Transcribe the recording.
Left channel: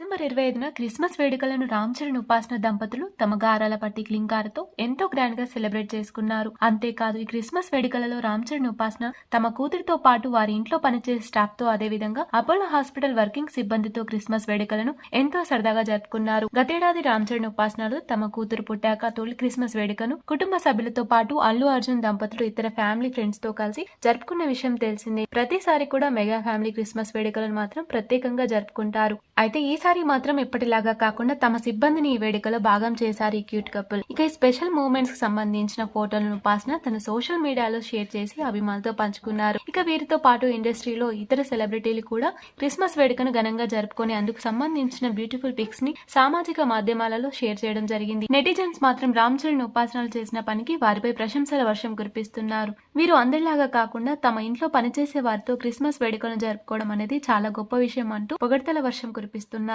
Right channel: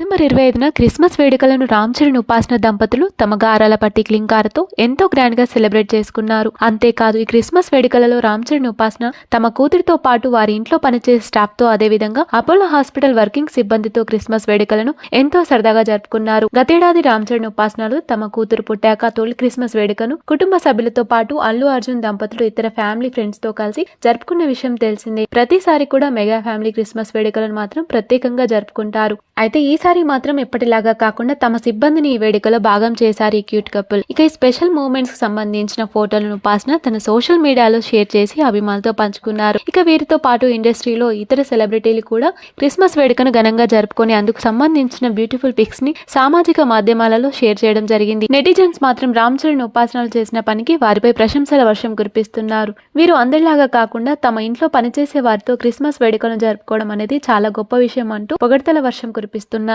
December 25న Christmas వేడుకలను రామ్ చరణ్ ఉపాసన దంపతులు తమ గారాల పట్టి క్లింకారతో ఎంతో గ్రాండ్ గా సెలబ్రేట్ చేసుకున్నారు. అంతేకాదు ఈ క్రిస్మస్ వేడుకలలో రామ్ చరణ్ ఉపాసన తమ కూతురితో పాటు వారి ఇంట్లో పనిచేసే స్టాఫ్ తో అదేవిధంగా అపోలో హాస్పిటల్ వర్కింగ్ సిబ్బందితో క్రిస్మస్ వేడుకలను ఎంతో సరదాగా జరుపుకున్నారు. గతేడాది రామ్ చరణ్ ఉపాసనలు తమ కూతురు పుట్టాక తొలి క్రిస్మస్ వేడుకను కుటుంబ సభ్యులతో పాటు అల్లు అర్జున్ దంపతులు ఇతర ఫ్యామిలీ ఫ్రెండ్స్ తో కలిసి జరుపుకున్న విషయం తెలిసిందే. ప్రతిసారి కూడా మెగా ఫ్యామిలీ క్రిస్మస్ వేడుకలను మాత్రం ప్రత్యేకంగా జరుపుకుంటారు. అయితే ఈసారి మాత్రం ఎప్పటిలాగా కాకుండా తమ సిబ్బందిని ఈ వేడుకలో భాగం చేశారు ఈ క్యూట్ కపుల్. ఇక ఈ స్పెషల్ మూమెంట్స్ కు సంబంధించిన ఫోటోలను ఉపాసన తన సోషల్ మీడియాలో షేర్ చేసి అభిమానులతో పంచుకున్నారు. ఇక వీరితో పాటు ఇండస్ట్రీలో ఇతర సెలబ్రిటీలు కూడా క్రిస్మస్ వేడుకను ఘనంగా జరుపుకొని అందుకు సంబంధించిన బ్యూటిఫుల్ పిక్స్ ని సామాజిక మాధ్యమాలలో షేర్ చేయడం జరిగింది. నెటిజన్స్ మాత్రం రామ్ చరణ్ ఉపాసనలు చేసిన పనికి వారిపై ప్రశంసల వర్షం కురిపిస్తున్నారు. వీరు అందరిలాగా కాకుండా తమ ఇంట్లో పనిచేసే వారితో క్రిస్మస్ వేడుకను జరుపుకోవడం అనేది చాలా గొప్ప విషయం అంటూ పొగడ్తల వర్షం కురిపిస్తున్నారు.